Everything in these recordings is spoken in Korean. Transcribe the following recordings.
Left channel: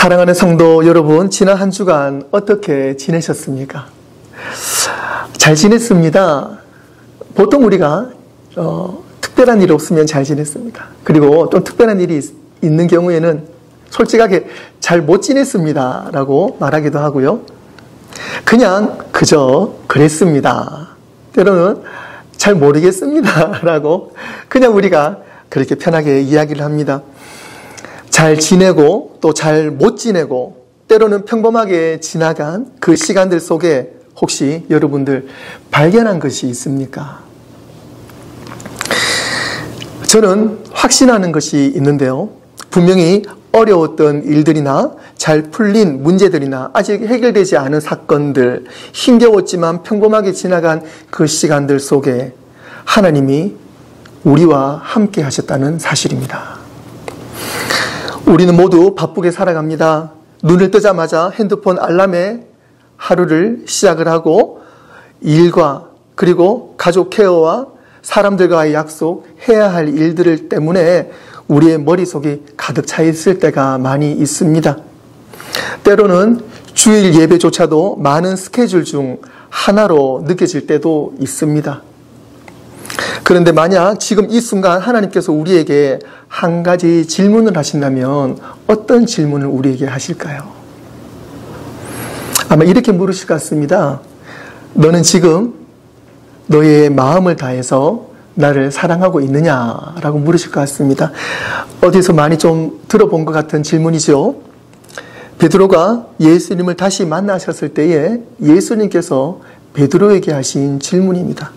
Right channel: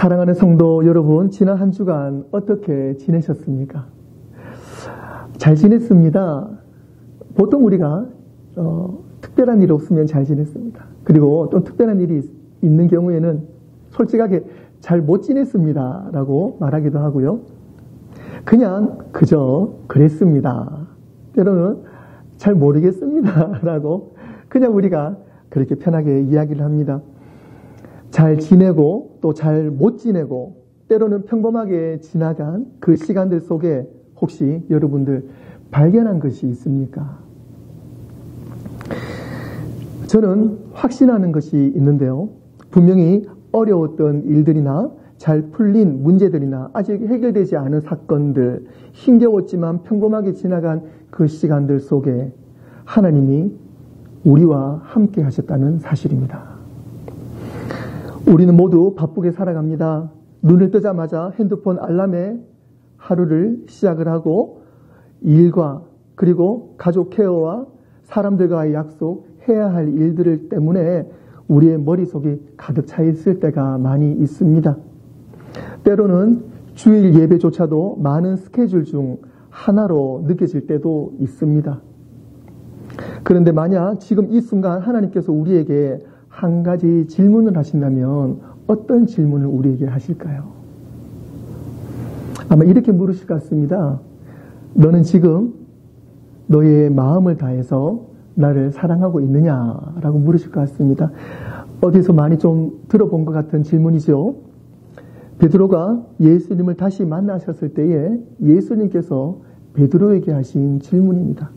사랑하는 성도 여러분, 지난 한 주간 어떻게 지내셨습니까? 잘 지냈습니다. 보통 우리가 특별한 일이 없으면 잘 지냈습니다. 그리고 또 특별한 일이 있는 경우에는 솔직하게 잘 못 지냈습니다 라고 말하기도 하고요. 그냥 그저 그랬습니다. 때로는 잘 모르겠습니다 라고 그냥 우리가 그렇게 편하게 이야기를 합니다. 잘 지내고 또 잘 못 지내고 때로는 평범하게 지나간 그 시간들 속에 혹시 여러분들 발견한 것이 있습니까? 저는 확신하는 것이 있는데요. 분명히 어려웠던 일들이나 잘 풀린 문제들이나 아직 해결되지 않은 사건들, 힘겨웠지만 평범하게 지나간 그 시간들 속에 하나님이 우리와 함께 하셨다는 사실입니다. 우리는 모두 바쁘게 살아갑니다. 눈을 뜨자마자 핸드폰 알람에 하루를 시작을 하고 일과 그리고 가족 케어와 사람들과의 약속, 해야 할 일들 때문에 우리의 머릿속이 가득 차 있을 때가 많이 있습니다. 때로는 주일 예배조차도 많은 스케줄 중 하나로 느껴질 때도 있습니다. 그런데 만약 지금 이 순간 하나님께서 우리에게 한 가지 질문을 하신다면 어떤 질문을 우리에게 하실까요? 아마 이렇게 물으실 것 같습니다. 너는 지금 너의 마음을 다해서 나를 사랑하고 있느냐라고 물으실 것 같습니다. 어디서 많이 좀 들어본 것 같은 질문이죠. 베드로가 예수님을 다시 만나셨을 때에 예수님께서 베드로에게 하신 질문입니다.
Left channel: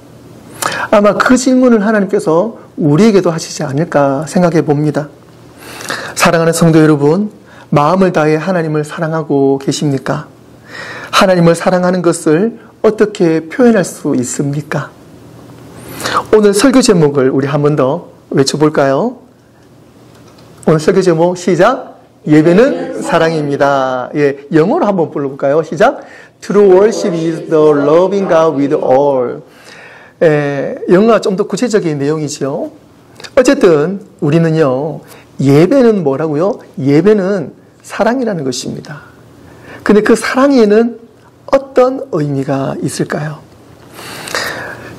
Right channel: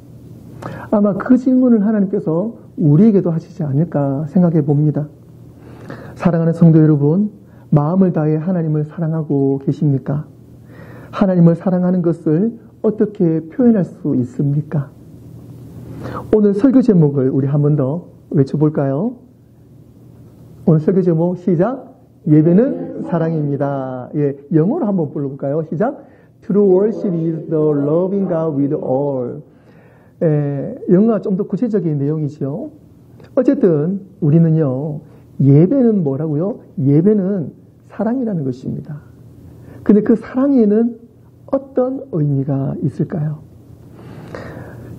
아마 그 질문을 하나님께서 우리에게도 하시지 않을까 생각해 봅니다. 사랑하는 성도 여러분, 마음을 다해 하나님을 사랑하고 계십니까? 하나님을 사랑하는 것을 어떻게 표현할 수 있습니까? 오늘 설교 제목을 우리 한 번 더 외쳐볼까요? 오늘 설교 제목 시작! 예배는 사랑입니다. 예, 영어로 한번 불러볼까요? 시작! True worship is the loving God with all. 영어가 좀 더 구체적인 내용이죠. 어쨌든 우리는요, 예배는 뭐라고요? 예배는 사랑이라는 것입니다. 근데 그 사랑에는 어떤 의미가 있을까요?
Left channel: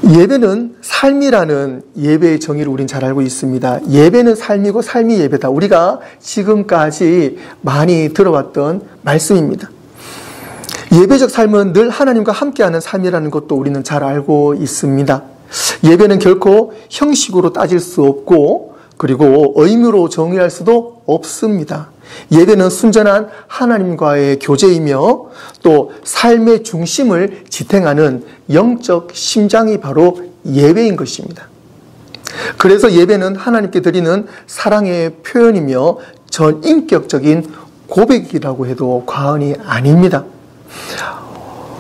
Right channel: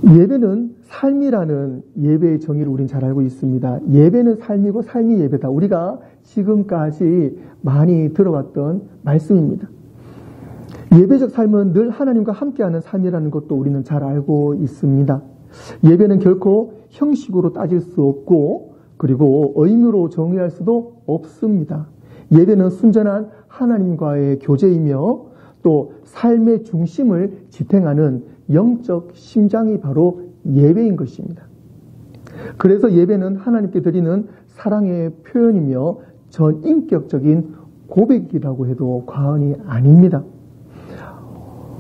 예배는 삶이라는 예배의 정의를 우린 잘 알고 있습니다. 예배는 삶이고 삶이 예배다. 우리가 지금까지 많이 들어왔던 말씀입니다. 예배적 삶은 늘 하나님과 함께하는 삶이라는 것도 우리는 잘 알고 있습니다. 예배는 결코 형식으로 따질 수 없고 그리고 의무로 정의할 수도 없습니다. 예배는 순전한 하나님과의 교제이며 또 삶의 중심을 지탱하는 영적 심장이 바로 예배인 것입니다. 그래서 예배는 하나님께 드리는 사랑의 표현이며 전인격적인 고백이라고 해도 과언이 아닙니다.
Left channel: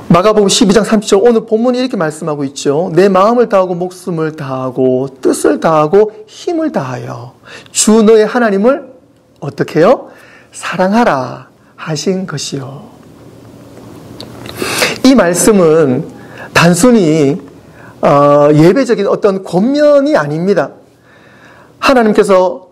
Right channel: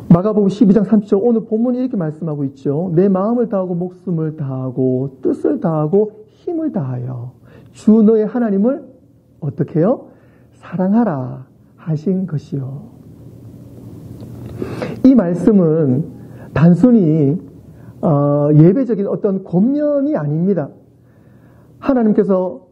마가복음 12장 30절 오늘 본문이 이렇게 말씀하고 있죠. 내 마음을 다하고 목숨을 다하고 뜻을 다하고 힘을 다하여 주 너의 하나님을 어떻게 해요? 사랑하라 하신 것이요. 이 말씀은 단순히 예배적인 어떤 권면이 아닙니다. 하나님께서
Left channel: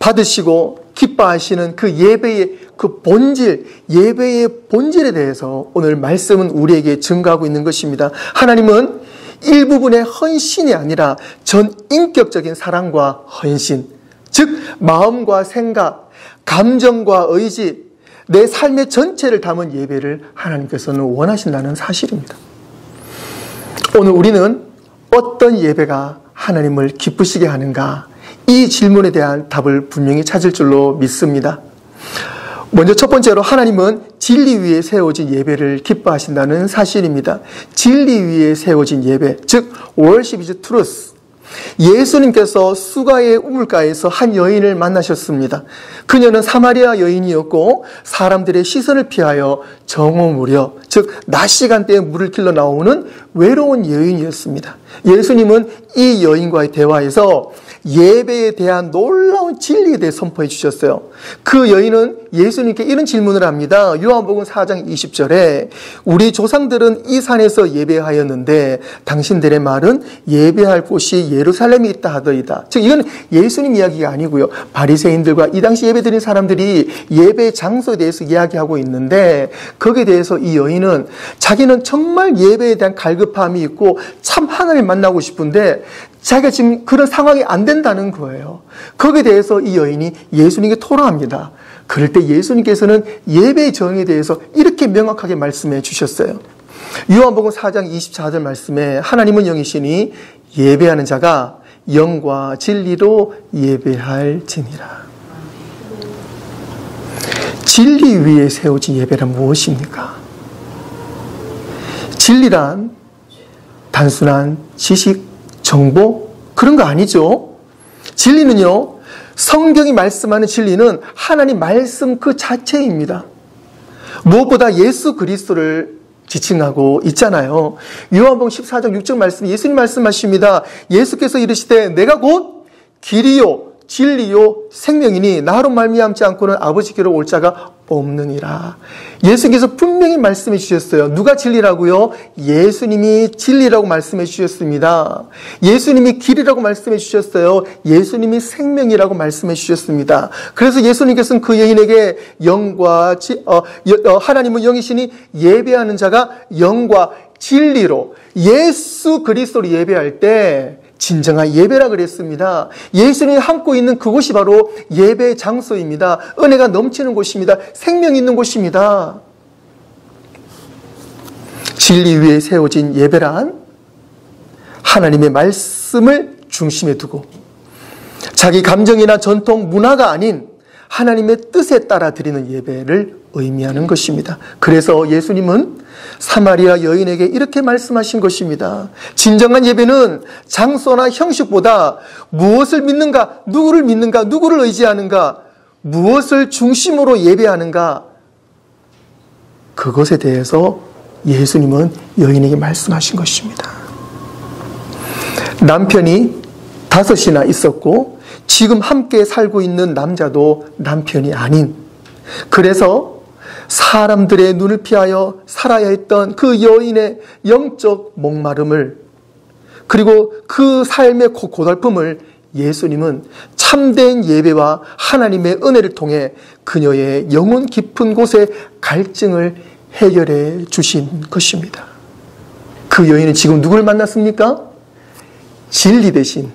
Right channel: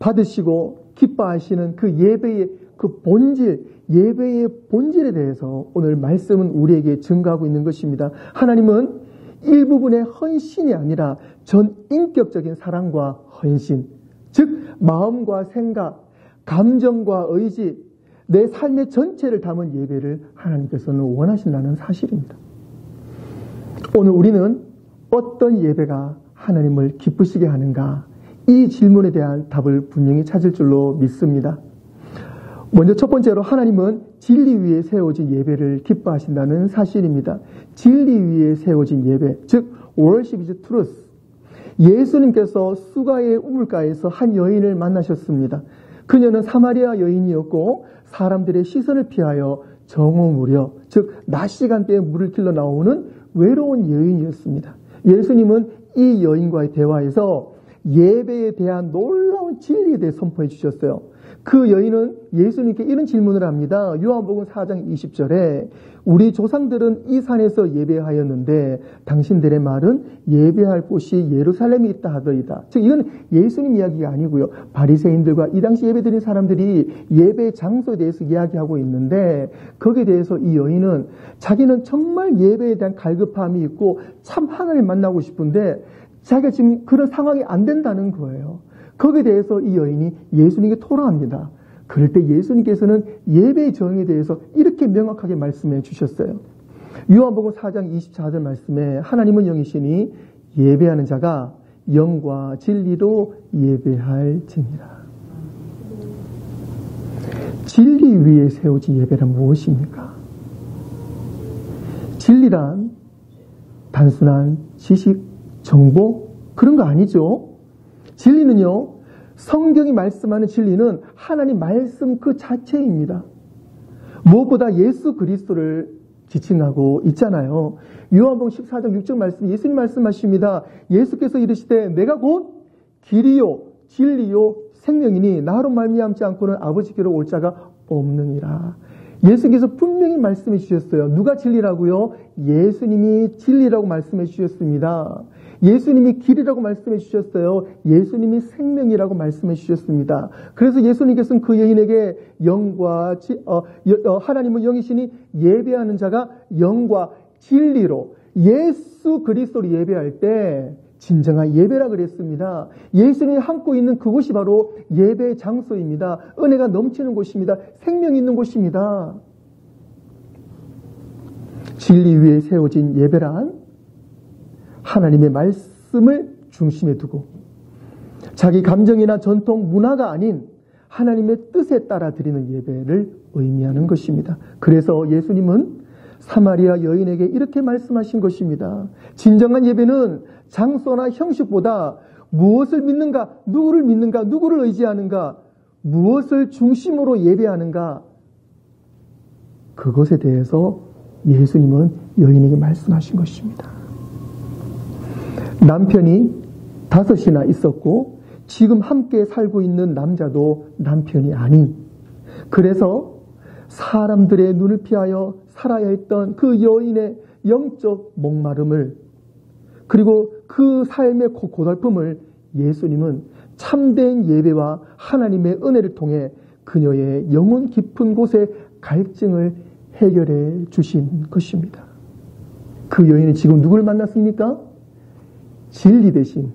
받으시고 기뻐하시는 그 예배의 그 본질, 예배의 본질에 대해서 오늘 말씀은 우리에게 증거하고 있는 것입니다. 하나님은 일부분의 헌신이 아니라 전인격적인 사랑과 헌신, 즉 마음과 생각, 감정과 의지, 내 삶의 전체를 담은 예배를 하나님께서는 원하신다는 사실입니다. 오늘 우리는 어떤 예배가 하나님을 기쁘시게 하는가? 이 질문에 대한 답을 분명히 찾을 줄로 믿습니다. 먼저 첫 번째로 하나님은 진리 위에 세워진 예배를 기뻐하신다는 사실입니다. 진리 위에 세워진 예배, 즉 worship is truth. 예수님께서 수가의 우물가에서 한 여인을 만나셨습니다. 그녀는 사마리아 여인이었고 사람들의 시선을 피하여 정오무렵, 즉 낮 시간대에 물을 길러 나오는 외로운 여인이었습니다. 예수님은 이 여인과의 대화에서 예배에 대한 놀라운 진리에 대해 선포해 주셨어요. 그 여인은 예수님께 이런 질문을 합니다. 요한복음 4장 20절에 우리 조상들은 이 산에서 예배하였는데 당신들의 말은 예배할 곳이 예루살렘에 있다 하더이다. 즉 이건 예수님 이야기가 아니고요. 바리새인들과 이 당시 예배드린 사람들이 예배 장소에 대해서 이야기하고 있는데 거기에 대해서 이 여인은 자기는 정말 예배에 대한 갈급함이 있고 참 하나님을 만나고 싶은데 자기가 지금 그런 상황이 안 된다는 거예요. 거기에 대해서 이 여인이 예수님께 토로합니다. 그럴 때 예수님께서는 예배의 정의에 대해서 이렇게 명확하게 말씀해 주셨어요. 요한복음 4장 24절 말씀에 하나님은 영이시니 예배하는 자가 영과 진리로 예배할지니라. 진리 위에 세워진 예배란 무엇입니까? 진리란 단순한 지식, 정보 그런 거 아니죠. 진리는요, 성경이 말씀하는 진리는 하나님 말씀 그 자체입니다. 무엇보다 예수 그리스도를 지칭하고 있잖아요. 요한복음 14장 6절 말씀, 예수님 말씀하십니다. 예수께서 이르시되 내가 곧 길이요 진리요 생명이니 나로 말미암지 않고는 아버지께로 올 자가 없느니라. 예수님께서 분명히 말씀해 주셨어요. 누가 진리라고요? 예수님이 진리라고 말씀해 주셨습니다. 예수님이 길이라고 말씀해 주셨어요. 예수님이 생명이라고 말씀해 주셨습니다. 그래서 예수님께서는 그 여인에게 하나님은 영이시니 예배하는 자가 영과 진리로 예수 그리스도를 예배할 때 진정한 예배라 그랬습니다. 예수님이 함고 있는 그곳이 바로 예배 장소입니다. 은혜가 넘치는 곳입니다. 생명이 있는 곳입니다. 진리 위에 세워진 예배란 하나님의 말씀을 중심에 두고 자기 감정이나 전통, 문화가 아닌 하나님의 뜻에 따라 드리는 예배를 의미하는 것입니다. 그래서 예수님은 사마리아 여인에게 이렇게 말씀하신 것입니다. 진정한 예배는 장소나 형식보다 무엇을 믿는가, 누구를 의지하는가, 무엇을 중심으로 예배하는가, 그것에 대해서 예수님은 여인에게 말씀하신 것입니다. 남편이 5이나 있었고 지금 함께 살고 있는 남자도 남편이 아닌, 그래서 사람들의 눈을 피하여 살아야 했던 그 여인의 영적 목마름을, 그리고 그 삶의 고달픔을 예수님은 참된 예배와 하나님의 은혜를 통해 그녀의 영혼 깊은 곳의 갈증을 해결해 주신 것입니다. 그 여인은 지금 누구를 만났습니까? 진리 대신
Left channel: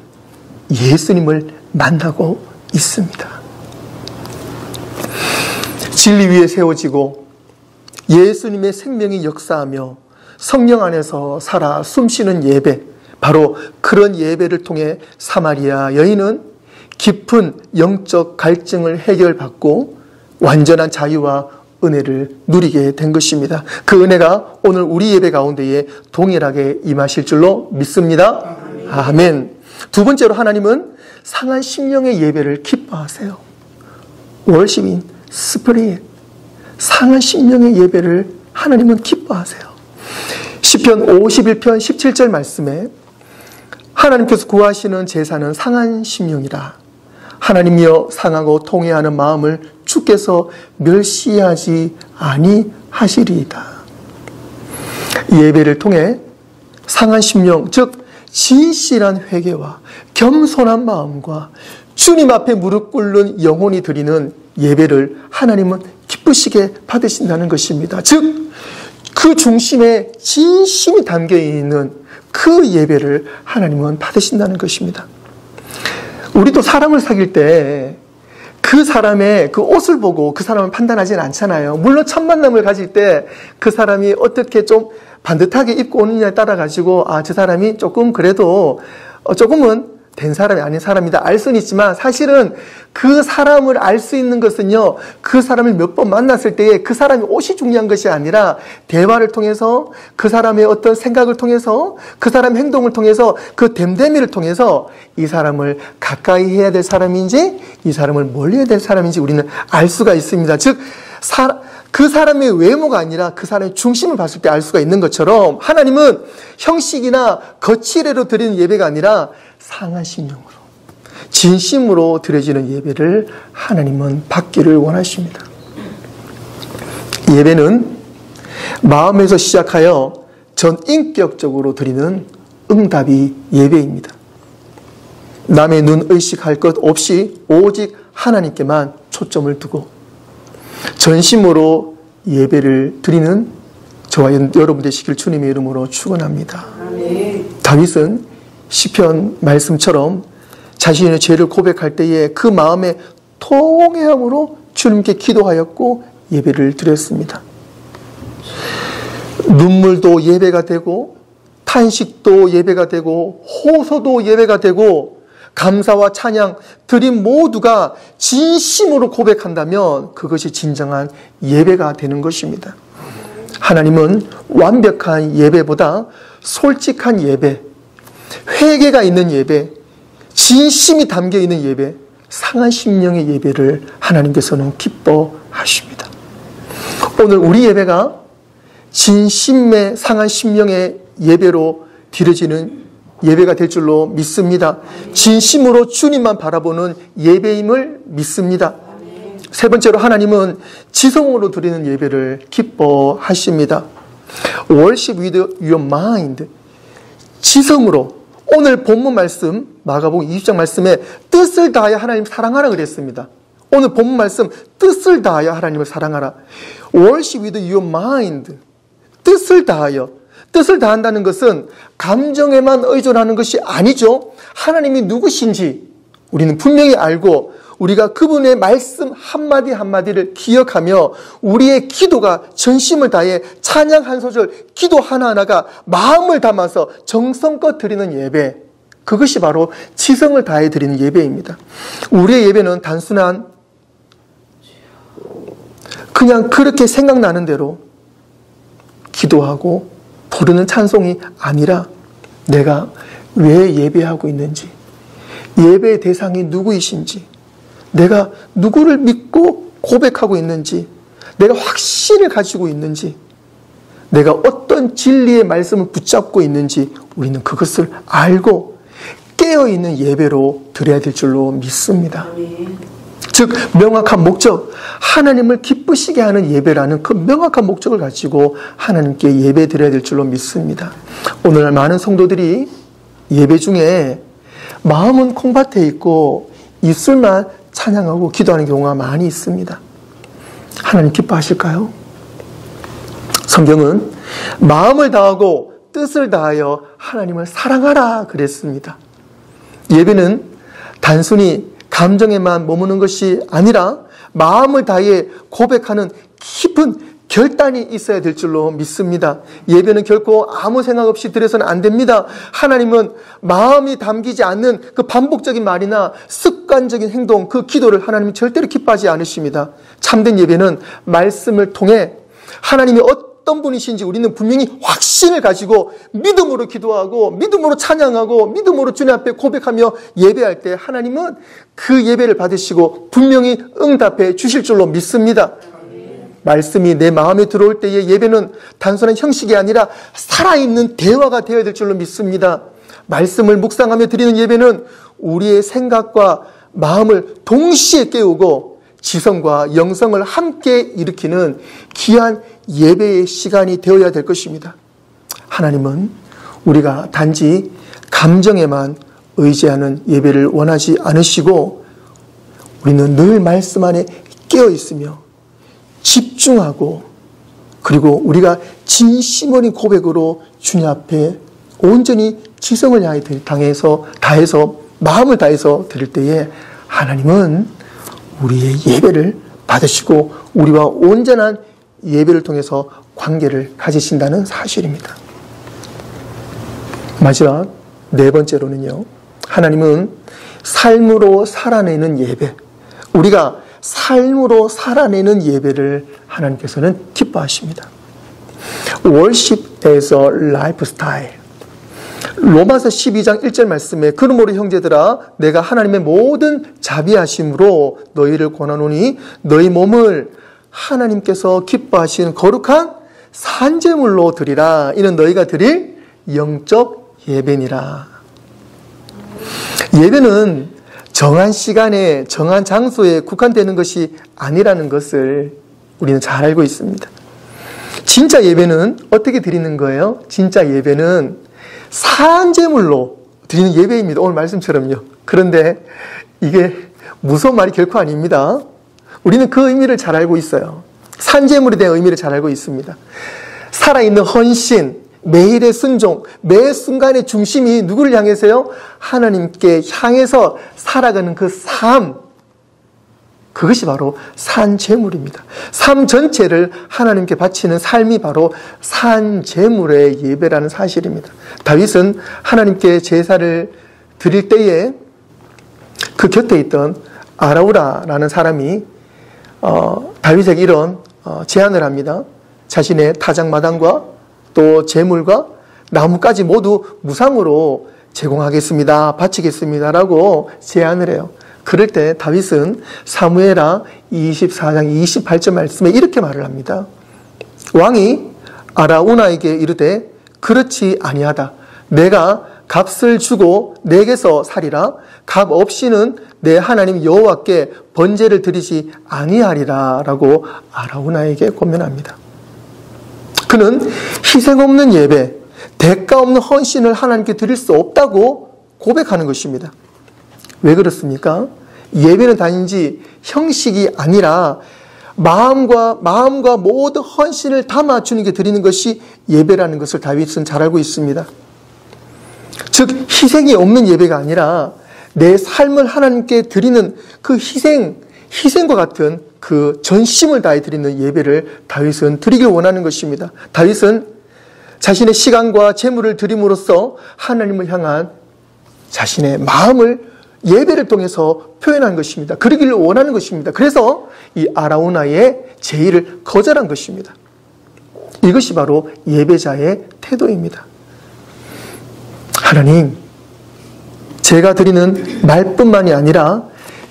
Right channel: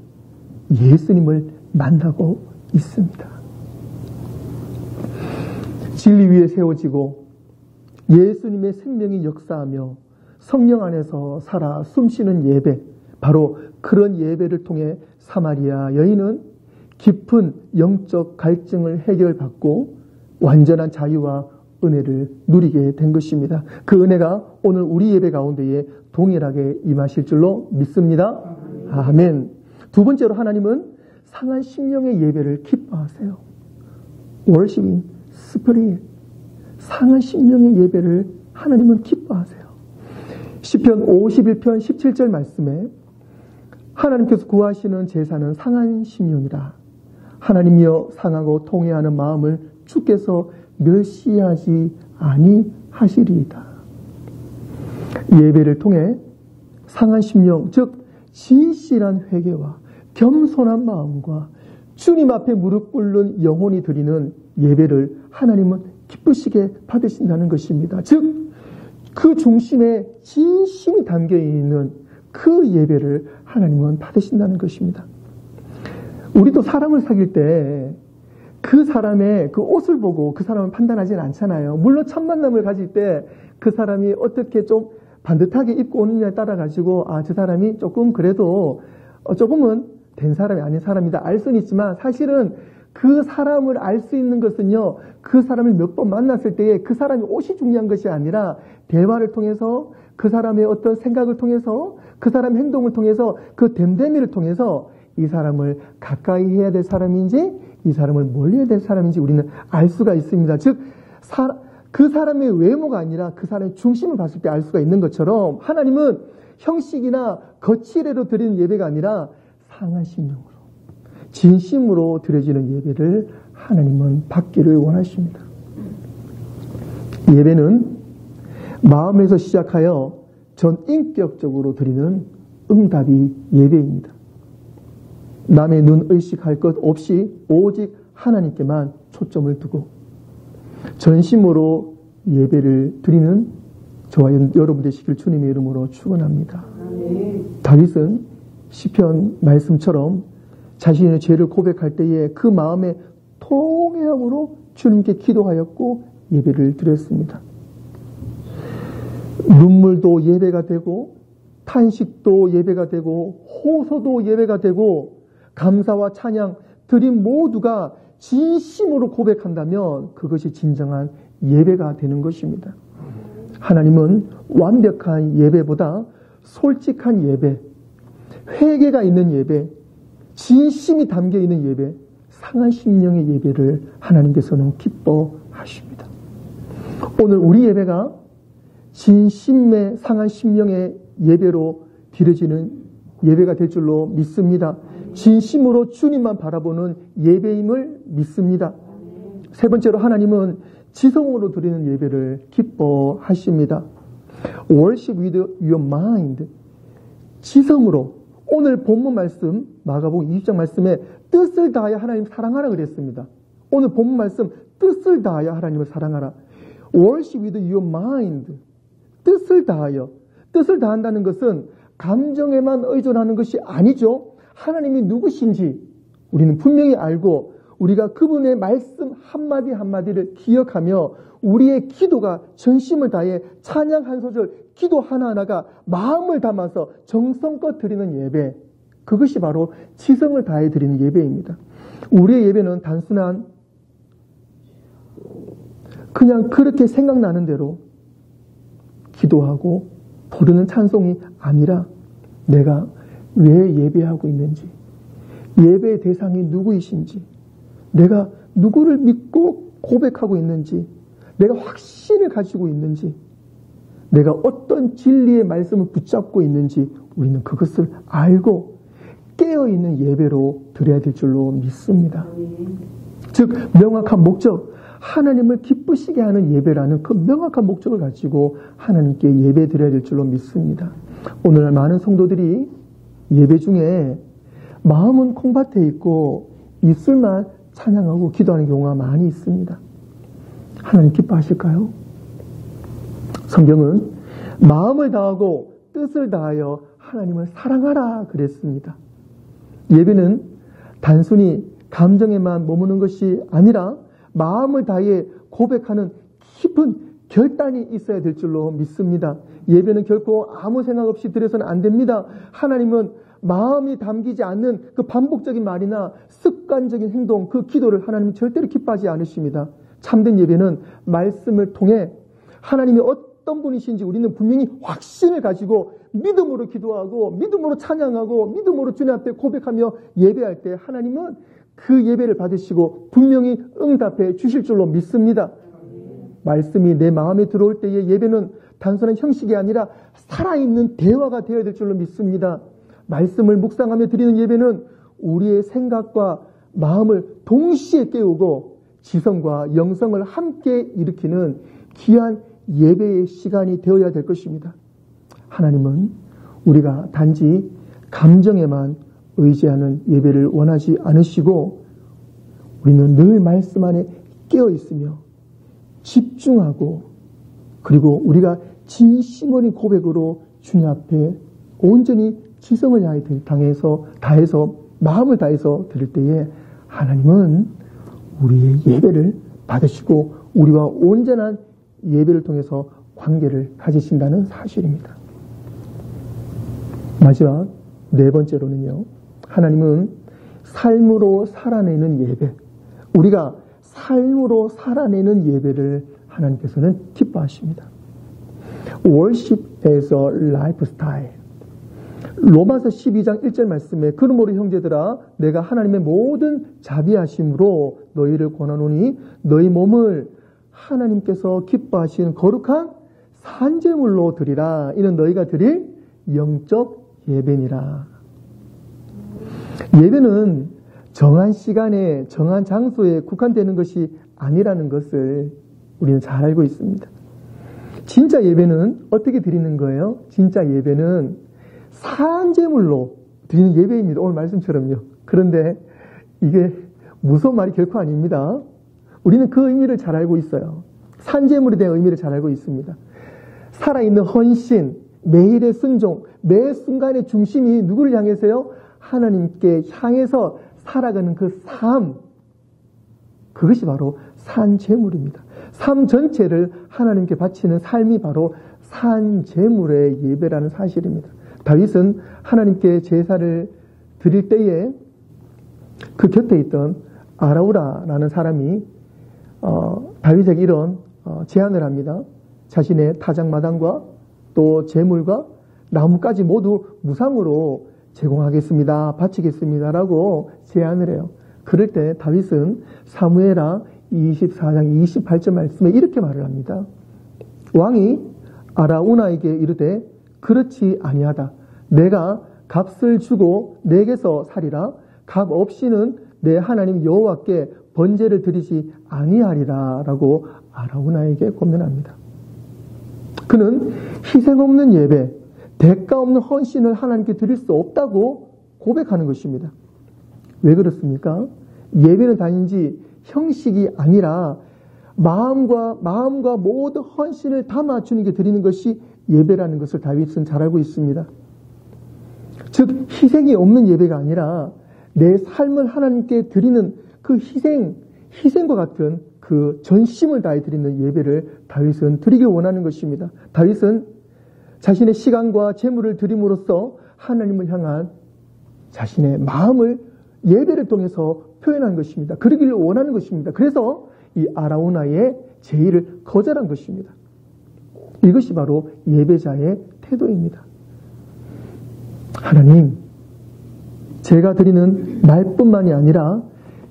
예수님을 만나고 있습니다. 진리 위에 세워지고 예수님의 생명이 역사하며 성령 안에서 살아 숨쉬는 예배, 바로 그런 예배를 통해 사마리아 여인은 깊은 영적 갈증을 해결받고 완전한 자유와 은혜를 누리게 된 것입니다. 그 은혜가 오늘 우리 예배 가운데에 동일하게 임하실 줄로 믿습니다. 아멘. 두 번째로 하나님은 상한 심령의 예배를 기뻐하세요. Worship in Spirit. 상한 심령의 예배를 하나님은 기뻐하세요. 시편 51편 17절 말씀에 하나님께서 구하시는 제사는 상한 심령이라. 하나님이여 상하고 통회하는 마음을 주께서 멸시하지 아니하시리이다. 예배를 통해 상한 심령, 즉 진실한 회개와 겸손한 마음과 주님 앞에 무릎 꿇는 영혼이 드리는 예배를 하나님은 기쁘시게 받으신다는 것입니다. 즉 그 중심에 진심이 담겨있는 그 예배를 하나님은 받으신다는 것입니다. 우리도 사람을 사귈 때 그 사람의 그 옷을 보고 그 사람을 판단하지는 않잖아요. 물론 첫 만남을 가질 때 그 사람이 어떻게 좀 반듯하게 입고 오느냐에 따라 가지고 저 사람이 조금 그래도 조금은 된 사람이 아닌 사람이다 알 수는 있지만, 사실은 그 사람을 알 수 있는 것은요, 그 사람을 몇 번 만났을 때에 그 사람이 옷이 중요한 것이 아니라 대화를 통해서, 그 사람의 어떤 생각을 통해서, 그 사람의 행동을 통해서, 그 됨됨이를 통해서 이 사람을 가까이 해야 될 사람인지 이 사람을 멀리 해야 될 사람인지 우리는 알 수가 있습니다. 즉 그 사람의 외모가 아니라 그 사람의 중심을 봤을 때 알 수가 있는 것처럼, 하나님은 형식이나 거칠애로 드리는 예배가 아니라 상한 심령으로, 진심으로 드려지는 예배를 하나님은 받기를 원하십니다. 예배는 마음에서 시작하여 전인격적으로 드리는 응답이 예배입니다. 남의 눈 의식할 것 없이 오직 하나님께만 초점을 두고 전심으로 예배를 드리는 저와 여러분 되시길 주님의 이름으로 축원합니다. 다윗은 시편 말씀처럼 자신의 죄를 고백할 때에 그 마음의 통회함으로 주님께 기도하였고 예배를 드렸습니다. 눈물도 예배가 되고 탄식도 예배가 되고 호소도 예배가 되고 감사와 찬양, 드림 모두가 진심으로 고백한다면 그것이 진정한 예배가 되는 것입니다. 하나님은 완벽한 예배보다 솔직한 예배, 회개가 있는 예배, 진심이 담겨있는 예배, 상한 심령의 예배를 하나님께서는 기뻐하십니다. 오늘 우리 예배가 진심의 상한 심령의 예배로 드려지는 예배가 될 줄로 믿습니다. 진심으로 주님만 바라보는 예배임을 믿습니다. 세 번째로 하나님은 지성으로 드리는 예배를 기뻐하십니다. Worship with your mind. 지성으로. 오늘 본문 말씀 마가복음 20장 말씀에 뜻을 다하여 하나님 사랑하라 그랬습니다. 오늘 본문 말씀 뜻을 다하여 하나님을 사랑하라. Worship with your mind. 뜻을 다하여. 뜻을 다한다는 것은 감정에만 의존하는 것이 아니죠. 하나님이 누구신지 우리는 분명히 알고 우리가 그분의 말씀 한마디 한마디를 기억하며 우리의 기도가 전심을 다해 찬양 한 소절, 기도 하나하나가 마음을 담아서 정성껏 드리는 예배, 그것이 바로 지성을 다해 드리는 예배입니다. 우리의 예배는 단순한 그냥 그렇게 생각나는 대로 기도하고 부르는 찬송이 아니라 내가 왜 예배하고 있는지, 예배의 대상이 누구이신지, 내가 누구를 믿고 고백하고 있는지, 내가 확신을 가지고 있는지, 내가 어떤 진리의 말씀을 붙잡고 있는지 우리는 그것을 알고 깨어있는 예배로 드려야 될 줄로 믿습니다. 즉 명확한 목적, 하나님을 기쁘시게 하는 예배라는 그 명확한 목적을 가지고 하나님께 예배 드려야 될 줄로 믿습니다. 오늘날 많은 성도들이 예배 중에 마음은 콩밭에 있고 입술만 찬양하고 기도하는 경우가 많이 있습니다. 하나님 기뻐하실까요? 성경은 마음을 다하고 뜻을 다하여 하나님을 사랑하라 그랬습니다. 예배는 단순히 감정에만 머무는 것이 아니라 마음을 다해 고백하는 깊은 결단이 있어야 될 줄로 믿습니다. 예배는 결코 아무 생각 없이 드려서는 안 됩니다. 하나님은 마음이 담기지 않는 그 반복적인 말이나 습관적인 행동, 그 기도를 하나님은 절대로 기뻐하지 않으십니다. 참된 예배는 말씀을 통해 하나님이 어떤 분이신지 우리는 분명히 확신을 가지고 믿음으로 기도하고 믿음으로 찬양하고 믿음으로 주님 앞에 고백하며 예배할 때 하나님은 그 예배를 받으시고 분명히 응답해 주실 줄로 믿습니다. 말씀이 내 마음에 들어올 때의 예배는 단순한 형식이 아니라 살아있는 대화가 되어야 될 줄로 믿습니다. 말씀을 묵상하며 드리는 예배는 우리의 생각과 마음을 동시에 깨우고 지성과 영성을 함께 일으키는 귀한 예배의 시간이 되어야 될 것입니다. 하나님은 우리가 단지 감정에만 의지하는 예배를 원하지 않으시고 우리는 늘 말씀 안에 깨어 있으며 집중하고 그리고 우리가 진심 어린 고백으로 주님 앞에 온전히 지성을 다해서 마음을 다해서 드릴 때에 하나님은 우리의 예배를 받으시고 우리와 온전한 예배를 통해서 관계를 가지신다는 사실입니다. 마지막 네 번째로는요, 하나님은 삶으로 살아내는 예배, 우리가 삶으로 살아내는 예배를 하나님께서는 기뻐하십니다. Worship as a lifestyle. 로마서 12장 1절 말씀에 그러므로 형제들아 내가 하나님의 모든 자비하심으로 너희를 권하노니 너희 몸을 하나님께서 기뻐하시는 거룩한 산제물로 드리라. 이는 너희가 드릴 영적 예배니라. 예배는 정한 시간에 정한 장소에 국한되는 것이 아니라는 것을 우리는 잘 알고 있습니다. 진짜 예배는 어떻게 드리는 거예요? 진짜 예배는 산제물로 드리는 예배입니다. 오늘 말씀처럼요. 그런데 이게 무서운 말이 결코 아닙니다. 우리는 그 의미를 잘 알고 있어요. 산제물에 대한 의미를 잘 알고 있습니다. 살아있는 헌신, 매일의 순종, 매 순간의 중심이 누구를 향해서요? 하나님께 향해서 살아가는 그 삶, 그것이 바로 산제물입니다. 삶 전체를 하나님께 바치는 삶이 바로 산제물의 예배라는 사실입니다. 다윗은 하나님께 제사를 드릴 때에 그 곁에 있던 아라우라라는 사람이 다윗에게 이런 제안을 합니다. 자신의 타작마당과 또 제물과 나무까지 모두 무상으로 제공하겠습니다. 바치겠습니다. 라고 제안을 해요. 그럴 때 다윗은 사무엘하 24장 28절 말씀에 이렇게 말을 합니다. 왕이 아라우나에게 이르되 그렇지 아니하다. 내가 값을 주고 내게서 사리라. 값 없이는 내 하나님 여호와께 번제를 드리지 아니하리라. 라고 아라우나에게 권면합니다. 그는 희생 없는 예배, 대가 없는 헌신을 하나님께 드릴 수 없다고 고백하는 것입니다. 왜 그렇습니까? 예배는 단지 형식이 아니라 마음과 모든 헌신을 담아 주님께 드리는 것이 예배라는 것을 다윗은 잘 알고 있습니다. 즉 희생이 없는 예배가 아니라 내 삶을 하나님께 드리는 그 희생과 같은 그 전심을 다해 드리는 예배를 다윗은 드리길 원하는 것입니다. 다윗은 자신의 시간과 재물을 드림으로써 하나님을 향한 자신의 마음을 예배를 통해서 표현한 것입니다. 그러기를 원하는 것입니다. 그래서 이 아라우나의 제의를 거절한 것입니다. 이것이 바로 예배자의 태도입니다. 하나님, 제가 드리는 말뿐만이 아니라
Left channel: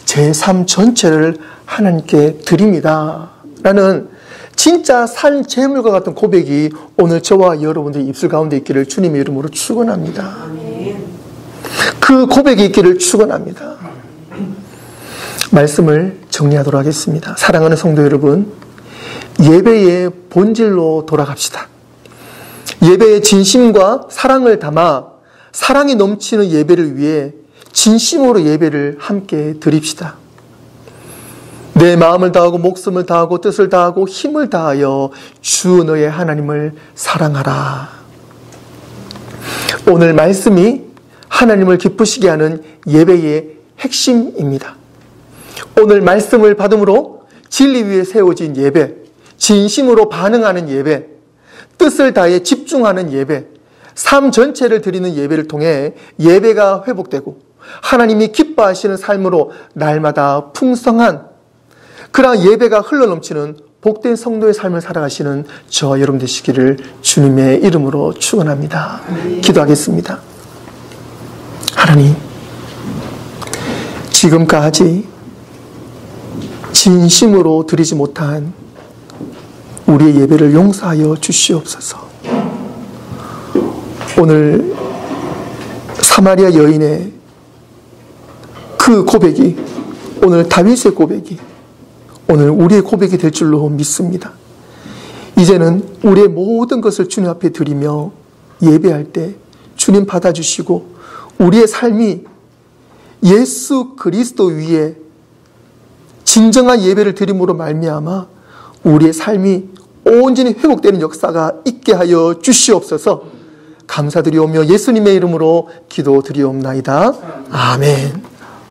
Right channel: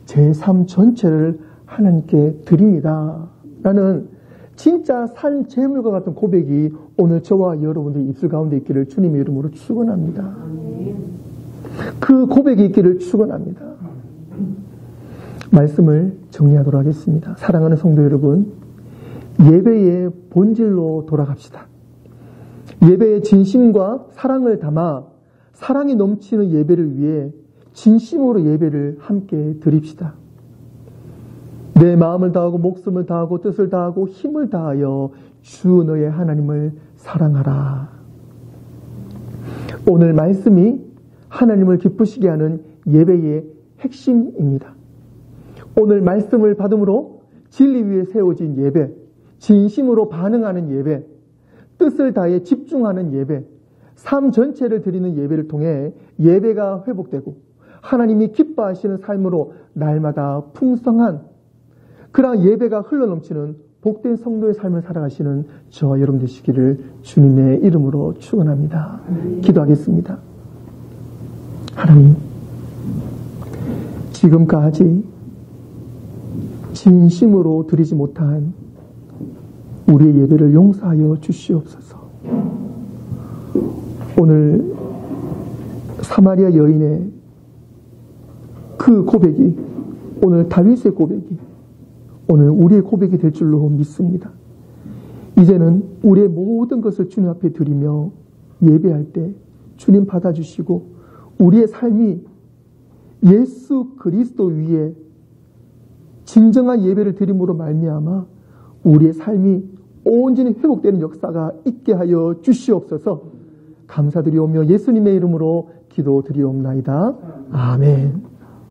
제 삶 전체를 하나님께 드립니다. 라는 진짜 산 제물과 같은 고백이 오늘 저와 여러분들의 입술 가운데 있기를 주님의 이름으로 축원합니다. 그 고백이 있기를 축원합니다. 말씀을 정리하도록 하겠습니다. 사랑하는 성도 여러분, 예배의 본질로 돌아갑시다. 예배의 진심과 사랑을 담아 사랑이 넘치는 예배를 위해 진심으로 예배를 함께 드립시다. 내 마음을 다하고 목숨을 다하고 뜻을 다하고 힘을 다하여 주 너의 하나님을 사랑하라. 오늘 말씀이 하나님을 기쁘시게 하는 예배의 핵심입니다. 오늘 말씀을 받음으로 진리 위에 세워진 예배, 진심으로 반응하는 예배, 뜻을 다해 집중하는 예배, 삶 전체를 드리는 예배를 통해 예배가 회복되고 하나님이 기뻐하시는 삶으로 날마다 풍성한 그러한 예배가 흘러넘치는 복된 성도의 삶을 살아가시는 저와 여러분 되시기를 주님의 이름으로 축원합니다. 기도하겠습니다. 하나님, 지금까지 진심으로 드리지 못한 우리의 예배를 용서하여 주시옵소서. 오늘 사마리아 여인의 그 고백이, 오늘 다윗의 고백이 오늘 우리의 고백이 될 줄로 믿습니다. 이제는 우리의 모든 것을 주님 앞에 드리며 예배할 때 주님 받아주시고 우리의 삶이 예수 그리스도 위에 진정한 예배를 드림으로 말미암아 우리의 삶이 온전히 회복되는 역사가 있게 하여 주시옵소서. 감사드리오며 예수님의 이름으로 기도드리옵나이다. 아멘.